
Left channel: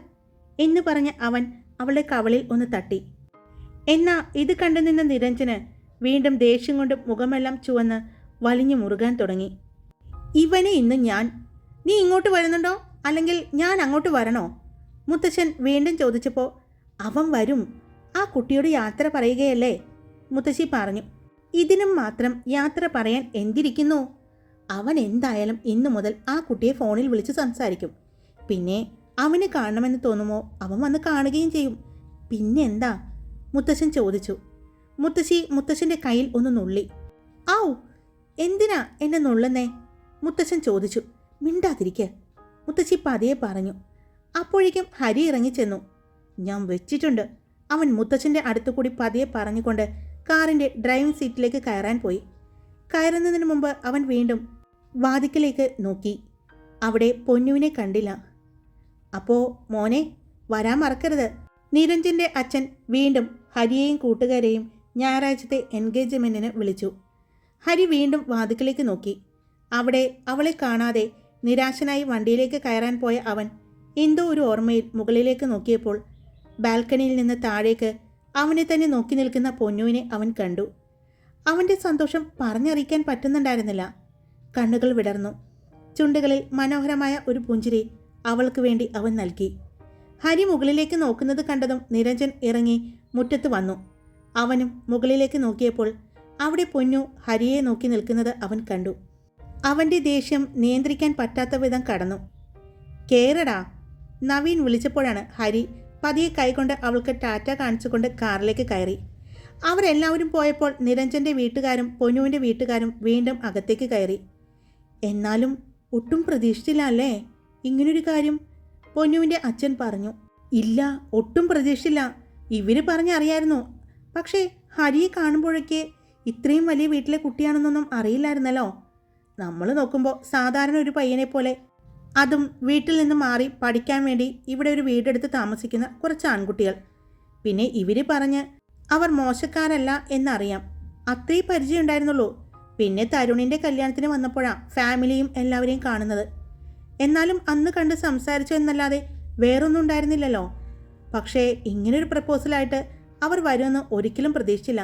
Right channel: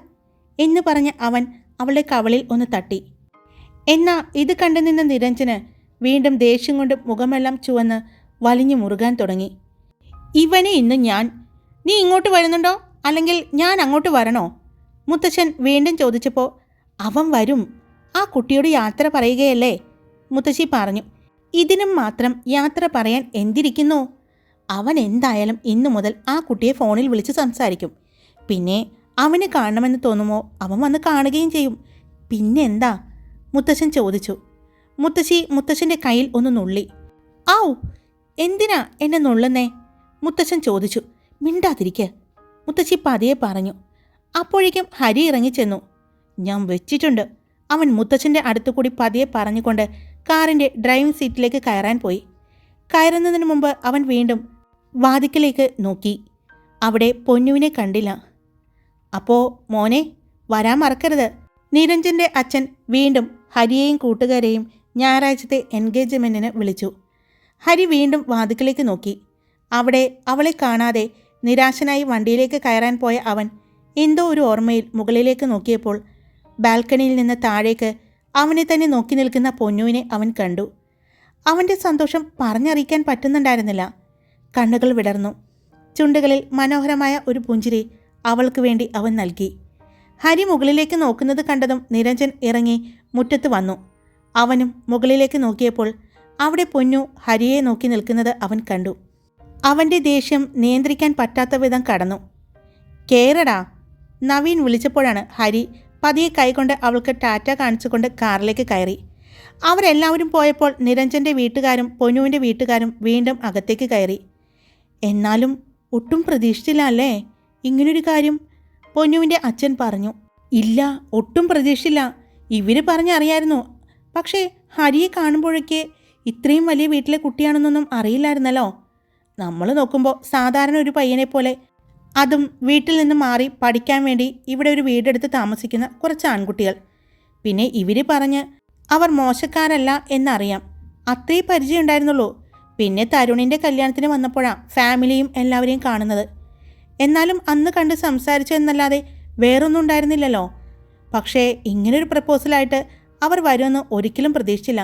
എന്ന് പറഞ്ഞ് അവൻ അവളുടെ കവളിൽ ഒന്ന് തട്ടി. എന്നാ ഇത് കണ്ടു നിന്ന നിരഞ്ജന് വീണ്ടും ദേഷ്യം കൊണ്ട് മുഖമെല്ലാം ചുവന്ന് വലിഞ്ഞു മുറുകാൻ തുടങ്ങി. ഇവനെ ഇന്ന് നീ ഇങ്ങോട്ട് വരുന്നുണ്ടോ അല്ലെങ്കിൽ ഞാൻ അങ്ങോട്ട് വരണോ? മുത്തശ്ശൻ വീണ്ടും ചോദിച്ചപ്പോൾ അവൻ വരും, ആ കുട്ടിയോട് യാത്ര പറയുകയല്ലേ, മുത്തശ്ശി പറഞ്ഞു. ഇതിനും മാത്രം യാത്ര പറയാൻ എന്തിരിക്കുന്നു? അവൻ എന്തായാലും ഇന്നു മുതൽ ആ കുട്ടിയെ ഫോണിൽ വിളിച്ച് സംസാരിക്കും. പിന്നെ അവന് കാണണമെന്ന് തോന്നുമോ അവൻ വന്ന് കാണുകയും ചെയ്യും. പിന്നെ എന്താ? മുത്തശ്ശൻ ചോദിച്ചു. മുത്തശ്ശൻ്റെ കയ്യിൽ ഒന്ന് നുള്ളി. ആവു, എന്തിനാ എന്നെ നുള്ളുന്നേ? മുത്തശ്ശൻ ചോദിച്ചു. മിണ്ടാതിരിക്കുക, മുത്തശ്ശി പതിയെ പറഞ്ഞു. അപ്പോഴേക്കും ഹരി ഇറങ്ങിച്ചെന്നു. ഞാൻ വെച്ചിട്ടുണ്ട്, അവൻ മുത്തശ്ശൻ്റെ അടുത്തുകൂടി പതിയെ പറഞ്ഞുകൊണ്ട് കാറിൻ്റെ ഡ്രൈവിംഗ് സീറ്റിലേക്ക് കയറാൻ പോയി. കയറുന്നതിന് മുമ്പ് അവൻ വീണ്ടും വാതിക്കലേക്ക് നോക്കി. അവിടെ പൊന്നുവിനെ കണ്ടില്ല. അപ്പോൾ മോനെ വരാൻ മറക്കരുത്. നിരഞ്ജൻ്റെ അച്ഛൻ വീണ്ടും ഹരിയെയും കൂട്ടുകാരെയും ഞായറാഴ്ചത്തെ എൻഗേജ്മെൻറ്റിന് വിളിച്ചു. ഹരി വീണ്ടും വാതിക്കലേക്ക് നോക്കി. അവിടെ അവളെ കാണാതെ നിരാശനായി വണ്ടിയിലേക്ക് കയറാൻ പോയ അവൻ എന്തോ ഒരു ഓർമ്മയിൽ മുകളിലേക്ക് നോക്കിയപ്പോൾ ബാൽക്കണിയിൽ നിന്ന് താഴേക്ക് അവനെ തന്നെ നോക്കി നിൽക്കുന്ന പൊന്നുവിനെ അവൻ കണ്ടു. അവൻ്റെ സന്തോഷം പറഞ്ഞറിയിക്കാൻ പറ്റുന്നുണ്ടായിരുന്നില്ല. കണ്ണുകൾ വിടർന്നു. ചുണ്ടുകളിൽ മനോഹരമായ ഒരു പുഞ്ചിരി അവൾക്ക് വേണ്ടി അവൻ നൽകി. ഹരി മുകളിലേക്ക് നോക്കുന്നത് കണ്ടതും നിരഞ്ജൻ ഇറങ്ങി മുറ്റത്ത് വന്നു. അവനും മുകളിലേക്ക് നോക്കിയപ്പോൾ അവിടെ പൊന്നു ഹരിയെ നോക്കി നിൽക്കുന്നത് അവൻ കണ്ടു. അവൻ്റെ ദേഷ്യം നിയന്ത്രിക്കാൻ പറ്റാത്ത വിധം കടന്നു. കേറടാ, നവീൻ വിളിച്ചപ്പോഴാണ് ഹരി പതിയെ കൈകൊണ്ട് അവൾക്ക് ടാറ്റ കാണിച്ചുകൊണ്ട് കാറിലേക്ക് കയറി. അവരെല്ലാവരും പോയപ്പോൾ നിരഞ്ജൻ്റെ വീട്ടുകാരും പൊന്നുവിൻ്റെ വീട്ടുകാരും വീണ്ടും അകത്തേക്ക് കയറി. എന്നാലും ഒട്ടും പ്രതീക്ഷിച്ചില്ല അല്ലേ ഇങ്ങനൊരു കാര്യം? പൊന്നുവിൻ്റെ അച്ഛൻ പറഞ്ഞു. ഇല്ല, ഒട്ടും പ്രതീക്ഷിച്ചില്ല. ഇവർ പറഞ്ഞറിയായിരുന്നു. പക്ഷേ ഹരിയെ കാണുമ്പോഴേക്ക് ഇത്രയും വലിയ വീട്ടിലെ കുട്ടിയാണെന്നൊന്നും അറിയില്ലായിരുന്നല്ലോ. നമ്മൾ നോക്കുമ്പോൾ സാധാരണ ഒരു പയ്യനെ പോലെ, അതും വീട്ടിൽ നിന്ന് മാറി പഠിക്കാൻ വേണ്ടി ഇവിടെ ഒരു വീടെടുത്ത് താമസിക്കുന്ന കുറച്ച് ആൺകുട്ടികൾ. പിന്നെ ഇവർ പറഞ്ഞ് അവർ മോശക്കാരല്ല എന്നറിയാം. അത്രേ പരിചയം ഉണ്ടായിരുന്നുള്ളൂ. പിന്നെ തരുണിൻ്റെ കല്യാണത്തിന് വന്നപ്പോഴാണ് ഫാമിലിയും എല്ലാവരെയും കാണുന്നത്. എന്നാലും അന്ന് കണ്ട് സംസാരിച്ചു എന്നല്ലാതെ വേറൊന്നും ഉണ്ടായിരുന്നില്ലല്ലോ. പക്ഷേ ഇങ്ങനൊരു പ്രപ്പോസലായിട്ട് അവർ വരുമെന്ന് ഒരിക്കലും പ്രതീക്ഷിച്ചില്ല,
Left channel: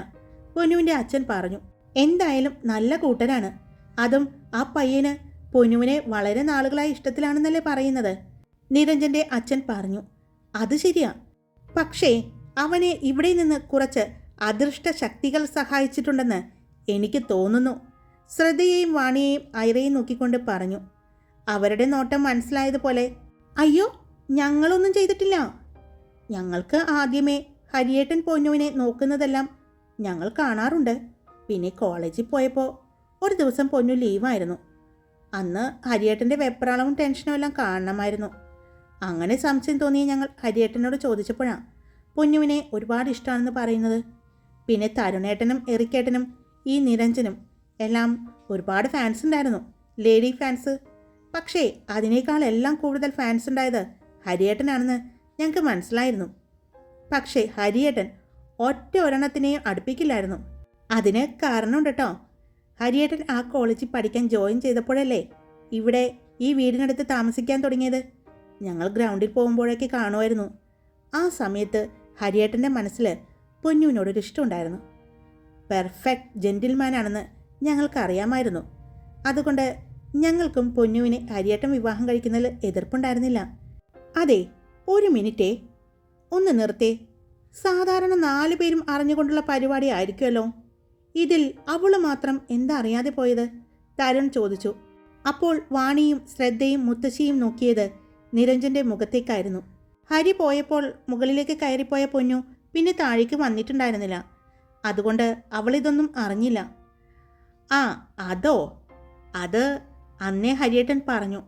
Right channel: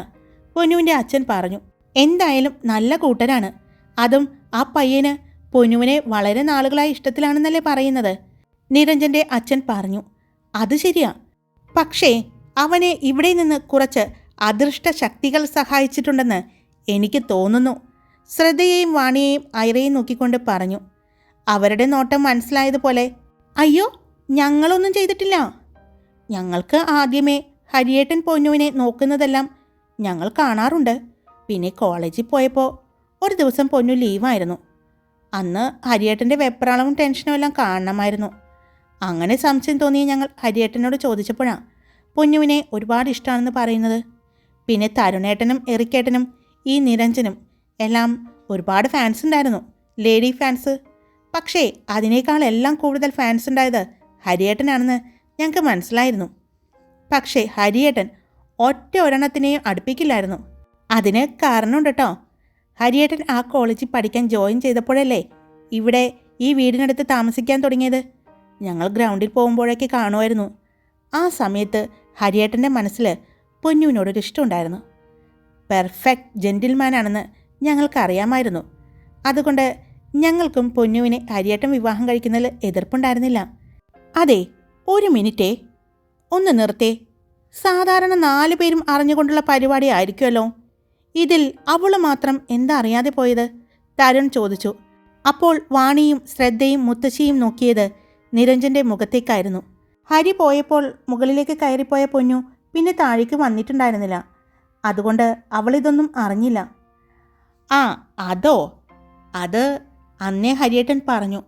പൊന്നുവിൻ്റെ അച്ഛൻ പറഞ്ഞു. എന്തായാലും നല്ല കൂട്ടരാണ്. അതും ആ പയ്യന് പൊന്നുവിനെ വളരെ നാളുകളായി ഇഷ്ടത്തിലാണെന്നല്ലേ പറയുന്നത്, നിരഞ്ജൻ്റെ അച്ഛൻ പറഞ്ഞു. അത് ശരിയാ. പക്ഷേ അവനെ ഇവിടെ നിന്ന് കുറച്ച് അദൃഷ്ട ശക്തികൾ സഹായിച്ചിട്ടുണ്ടെന്ന് എനിക്ക് തോന്നുന്നു, ശ്രദ്ധയെയും വാണിയെയും ഐറയെയും നോക്കിക്കൊണ്ട് പറഞ്ഞു. അവരുടെ നോട്ടം മനസ്സിലായതുപോലെ, അയ്യോ ഞങ്ങളൊന്നും ചെയ്തിട്ടില്ല. ഞങ്ങൾക്ക് ആദ്യമേ ഹരിയേട്ടൻ പൊന്നുവിനെ നോക്കുന്നതെല്ലാം ഞങ്ങൾ കാണാറുണ്ട്. പിന്നെ കോളേജിൽ പോയപ്പോൾ ഒരു ദിവസം പൊന്നു ലീവായിരുന്നു. അന്ന് ഹരിയേട്ടൻ്റെ വെപ്രാളവും ടെൻഷനും എല്ലാം കാണണമായിരുന്നു. അങ്ങനെ സംശയം തോന്നിയ ഞങ്ങൾ ഹരിയേട്ടനോട് ചോദിച്ചപ്പോഴാണ് പൊന്നുവിനെ ഒരുപാട് ഇഷ്ടമാണെന്ന് പറയുന്നത്. പിന്നെ തരുണേട്ടനും എറിക്കേട്ടനും ഈ നിരഞ്ജനും എല്ലാം ഒരുപാട് ഫാൻസ് ഉണ്ടായിരുന്നു, ലേഡി ഫാൻസ്. പക്ഷേ അതിനേക്കാളെല്ലാം കൂടുതൽ ഫാൻസ് ഉണ്ടായത് ഹരിയേട്ടനാണെന്ന് ഞങ്ങൾക്ക് മനസ്സിലായിരുന്നു. പക്ഷേ ഹരിയേട്ടൻ ഒറ്റ ഒരെണ്ണത്തിനെയും അടുപ്പിക്കില്ലായിരുന്നു. അതിന് കാരണമുണ്ട് കേട്ടോ. ഹരിയേട്ടൻ ആ കോളേജിൽ പഠിക്കാൻ ജോയിൻ ചെയ്തപ്പോഴല്ലേ ഇവിടെ ഈ വീടിനടുത്ത് താമസിക്കാൻ തുടങ്ങിയത്. ഞങ്ങൾ ഗ്രൗണ്ടിൽ പോകുമ്പോഴേക്ക് കാണുമായിരുന്നു. ആ സമയത്ത് ഹരിയേട്ടൻ്റെ മനസ്സിൽ പൊന്നുവിനോടൊരു ഇഷ്ടമുണ്ടായിരുന്നു. പെർഫെക്റ്റ് ജെൻറ്റിൽമാനാണെന്ന് ഞങ്ങൾക്കറിയാമായിരുന്നു. അതുകൊണ്ട് ഞങ്ങൾക്കും പൊന്നുവിനെ ഹരിയേട്ടൻ വിവാഹം കഴിക്കുന്നതിൽ എതിർപ്പുണ്ടായിരുന്നില്ല. അതെ, ഒരു മിനിറ്റേ, ഒന്ന് നിർത്തേ. സാധാരണ 4 പേരും അറിഞ്ഞുകൊണ്ടുള്ള പരിപാടി ആയിരിക്കുമല്ലോ. ഇതിൽ അവൾ മാത്രം എന്താ അറിയാതെ പോയത്? തരുൺ ചോദിച്ചു. അപ്പോൾ വാണിയും ശ്രദ്ധയും മുത്തശ്ശിയും നോക്കിയത് നിരഞ്ജൻ്റെ മുഖത്തേക്കായിരുന്നു. ഹരി പോയപ്പോൾ മുകളിലേക്ക് കയറിപ്പോയ പൊന്നു പിന്നെ താഴേക്ക് വന്നിട്ടുണ്ടായിരുന്നില്ല. അതുകൊണ്ട് അവളിതൊന്നും അറിഞ്ഞില്ല. ആ അതോ, അത് അന്നേ ഹരിയേട്ടൻ പറഞ്ഞു.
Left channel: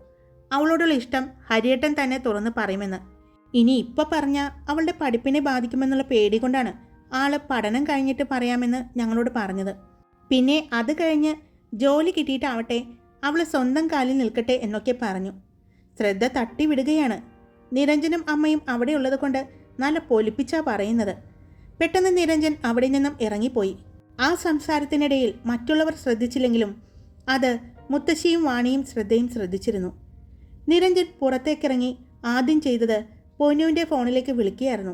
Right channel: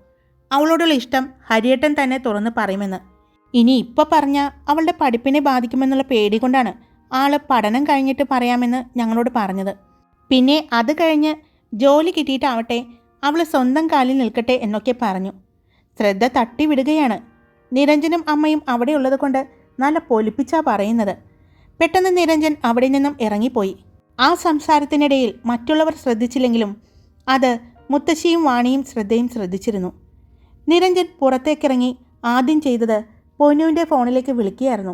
അവളോടുള്ള ഇഷ്ടം ഹരിയേട്ടൻ തന്നെ തുറന്ന് പറയുമെന്ന്. ഇനി ഇപ്പോൾ പറഞ്ഞാൽ അവളുടെ പഠിപ്പിനെ ബാധിക്കുമെന്നുള്ള പേടി കൊണ്ടാണ് ആള് പഠനം കഴിഞ്ഞിട്ട് പറയാമെന്ന് ഞങ്ങളോട് പറഞ്ഞത്. പിന്നെ അത് കഴിഞ്ഞ് ജോലി കിട്ടിയിട്ടാവട്ടെ അവൾ സ്വന്തം കാലിൽ നിൽക്കട്ടെ എന്നൊക്കെ പറഞ്ഞു. ശ്രദ്ധ തട്ടിവിടുകയാണ്. നിരഞ്ജനും അമ്മയും അവിടെ ഉള്ളത് കൊണ്ട് നല്ല പൊലിപ്പിച്ചാ പറയുന്നത്. പെട്ടെന്ന് നിരഞ്ജൻ അവിടെ നിന്നും ഇറങ്ങിപ്പോയി. ആ സംസാരത്തിനിടയിൽ മറ്റുള്ളവർ ശ്രദ്ധിച്ചില്ലെങ്കിലും അത് മുത്തശ്ശിയും വാണിയും ശ്രദ്ധയും ശ്രദ്ധിച്ചിരുന്നു. നിരഞ്ജൻ പുറത്തേക്കിറങ്ങി ആദ്യം ചെയ്തത് പൊന്നുവിൻ്റെ ഫോണിലേക്ക് വിളിക്കുകയായിരുന്നു.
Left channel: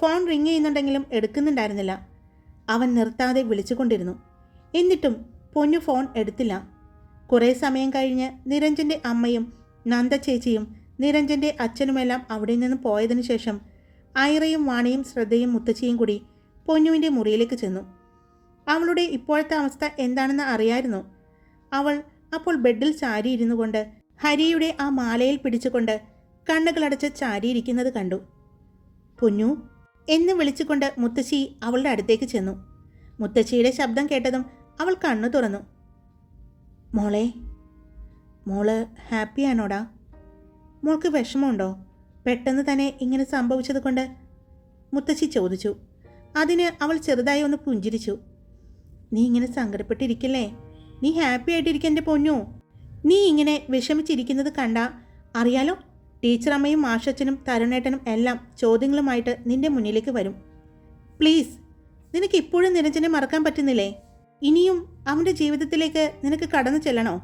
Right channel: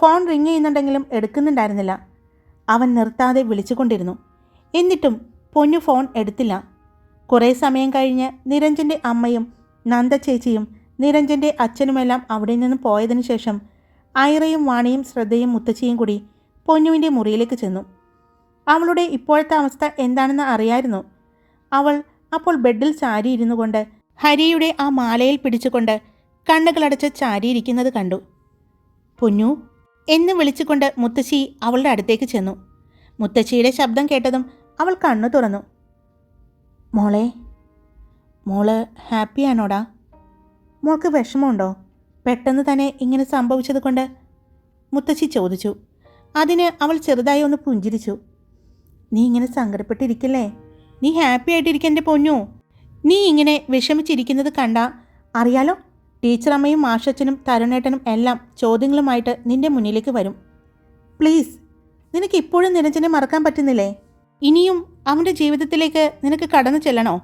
ഫോൺ റിങ് ചെയ്യുന്നുണ്ടെങ്കിലും എടുക്കുന്നുണ്ടായിരുന്നില്ല. അവൻ നിർത്താതെ വിളിച്ചുകൊണ്ടിരുന്നു. എന്നിട്ടും പൊന്നു ഫോൺ എടുത്തില്ല. കുറേ സമയം കഴിഞ്ഞ് നിരഞ്ജൻ്റെ അമ്മയും നന്ദ ചേച്ചിയും നിരഞ്ജൻ്റെ അച്ഛനുമെല്ലാം അവിടെ നിന്നും പോയതിനു ശേഷം ഐറയും വാണിയും ശ്രദ്ധയും മുത്തശ്ശിയും കൂടി പൊന്നുവിൻ്റെ മുറിയിലേക്ക് ചെന്നു. അവളുടെ ഇപ്പോഴത്തെ അവസ്ഥ എന്താണെന്ന് അറിയായിരുന്നു. അവൾ അപ്പോൾ ബെഡിൽ ചാരിയിരുന്നു കൊണ്ട് ഹരിയുടെ ആ മാലയിൽ പിടിച്ചുകൊണ്ട് കണ്ണുകളടച്ച് ചാരിയിരിക്കുന്നത് കണ്ടു. പൊന്നു എന്ന് വിളിച്ചുകൊണ്ട് മുത്തശ്ശി അവളുടെ അടുത്തേക്ക് ചെന്നു. മുത്തശ്ശിയുടെ ശബ്ദം കേട്ടതും അവൾ കണ്ണു തുറന്നു. മോള് ഹാപ്പിയാണോടാ? മോൾക്ക് വിഷമമുണ്ടോ പെട്ടെന്ന് തന്നെ ഇങ്ങനെ സംഭവിച്ചത് കൊണ്ട്? മുത്തശ്ശി ചോദിച്ചു. അതിന് അവൾ ചെറുതായി ഒന്ന് പുഞ്ചിരിച്ചു. നീ ഇങ്ങനെ സങ്കടപ്പെട്ടിരിക്കില്ലേ, നീ ഹാപ്പി ആയിട്ടിരിക്കുക എൻ്റെ പൊന്നു. നീ ഇങ്ങനെ വിഷമിച്ചിരിക്കുന്നത് കണ്ടാ അറിയാലോ, ടീച്ചറമ്മയും മാഷച്ചനും തരുണേട്ടനും എല്ലാം ചോദ്യങ്ങളുമായിട്ട് നിന്റെ മുന്നിലേക്ക് വരും. പ്ലീസ്, നിനക്ക് ഇപ്പോഴും നിരഞ്ജനെ മറക്കാൻ പറ്റുന്നില്ലേ? ഇനിയും അവൻ്റെ ജീവിതത്തിലേക്ക് നിനക്ക് കടന്നു ചെല്ലണോ?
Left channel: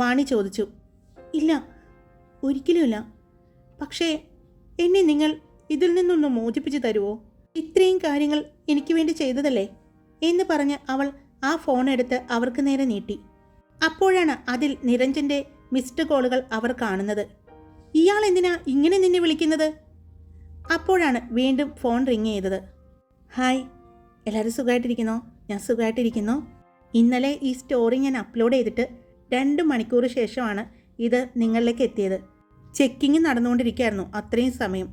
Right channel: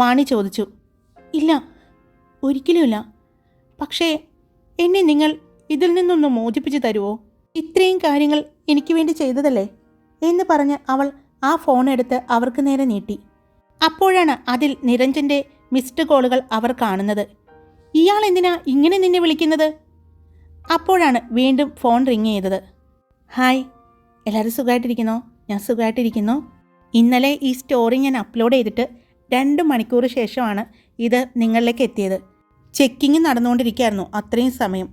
വാണി ചോദിച്ചു. ഇല്ല, ഒരിക്കലുമില്ല. പക്ഷേ എന്നെ നിങ്ങൾ ഇതിൽ നിന്നൊന്ന് മോചിപ്പിച്ച് തരുമോ? ഇത്രയും കാര്യങ്ങൾ എനിക്ക് വേണ്ടി ചെയ്തതല്ലേ എന്ന് പറഞ്ഞ് അവൾ ആ ഫോൺ എടുത്ത് അവർക്ക് നേരെ നീട്ടി. അപ്പോഴാണ് അതിൽ നിരഞ്ജൻ്റെ മിസ്ഡ് കോളുകൾ അവർ കാണുന്നത്. ഇയാൾ എന്തിനാ ഇങ്ങനെ നിന്നെ വിളിക്കുന്നത്? അപ്പോഴാണ് വീണ്ടും ഫോൺ റിങ് ചെയ്തത്. ഹായ്, എല്ലാവരും സുഖമായിട്ടിരിക്കുന്നോ? ഞാൻ സുഖമായിട്ടിരിക്കുന്നു. ഇന്നലെ ഈ സ്റ്റോറി ഞാൻ അപ്ലോഡ് ചെയ്തിട്ട് 2 മണിക്കൂർ ശേഷമാണ് ഇത് നിങ്ങളിലേക്ക് എത്തിയത്. ചെക്കിങ് നടന്നുകൊണ്ടിരിക്കുകയായിരുന്നു അത്രയും സമയം.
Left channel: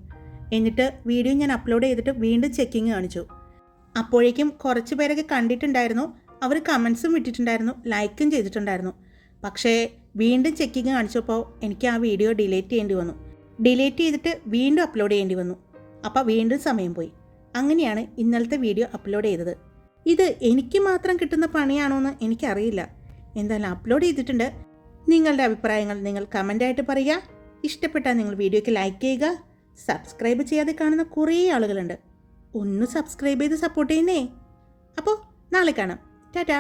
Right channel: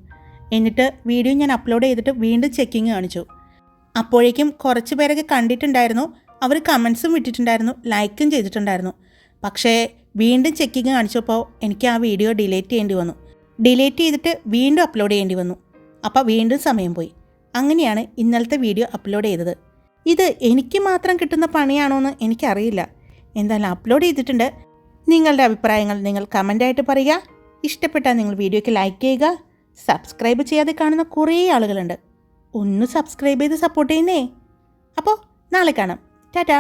എന്നിട്ട് വീഡിയോ ഞാൻ അപ്ലോഡ് ചെയ്തിട്ട് വീണ്ടും ചെക്കിങ് കാണിച്ചു. അപ്പോഴേക്കും കുറച്ച് പേരൊക്കെ കണ്ടിട്ടുണ്ടായിരുന്നു, അവർ കമൻസും വിട്ടിട്ടുണ്ടായിരുന്നു, ലൈക്കും ചെയ്തിട്ടുണ്ടായിരുന്നു. പക്ഷേ വീണ്ടും ചെക്കിങ് കാണിച്ചപ്പോൾ എനിക്ക് ആ വീഡിയോ ഡിലീറ്റ് ചെയ്യേണ്ടി വന്നു. ഡിലീറ്റ് ചെയ്തിട്ട് വീണ്ടും അപ്ലോഡ് ചെയ്യേണ്ടി വന്നു. അപ്പോൾ വീണ്ടും സമയം പോയി. അങ്ങനെയാണ് ഇന്നലത്തെ വീഡിയോ അപ്ലോഡ് ചെയ്തത്. ഇത് എനിക്ക് മാത്രം കിട്ടുന്ന പണിയാണോ എന്ന് എനിക്കറിയില്ല. എന്തായാലും അപ്ലോഡ് ചെയ്തിട്ടുണ്ട്. നിങ്ങളുടെ അഭിപ്രായങ്ങൾ നിങ്ങൾ കമൻ്റായിട്ട് പറയുക. ഇഷ്ടപ്പെട്ടാൽ നിങ്ങൾ വീഡിയോയ്ക്ക് ലൈക്ക് ചെയ്യുക. സബ്സ്ക്രൈബ് ചെയ്യാതെ കാണുന്ന കുറേ ആളുകളുണ്ട്. ഒന്ന് സബ്സ്ക്രൈബ് ചെയ്ത് സപ്പോർട്ട് ചെയ്യുന്നേ. അപ്പോൾ നാളെ കാണാം. ടാറ്റാ.